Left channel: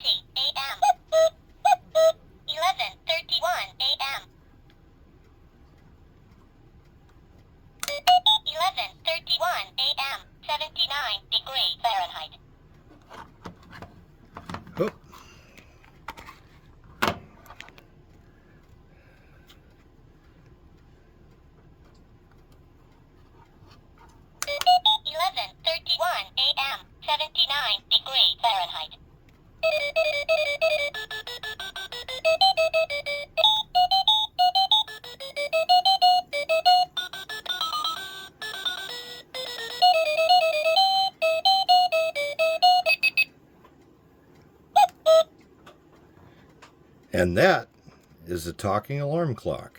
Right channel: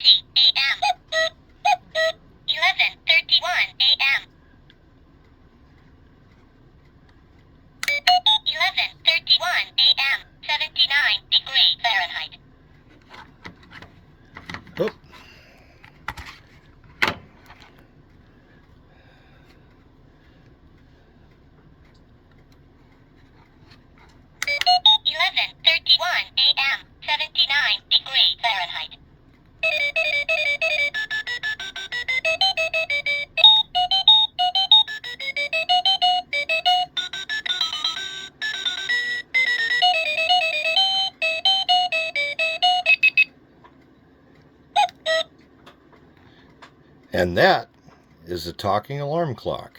a.m. 11:31 a.m. 11:31 a.m. 79 degrees Fahrenheit. Oop. 11:31 a.m. 79 degrees Fahrenheit. And that is a talking alarm clock.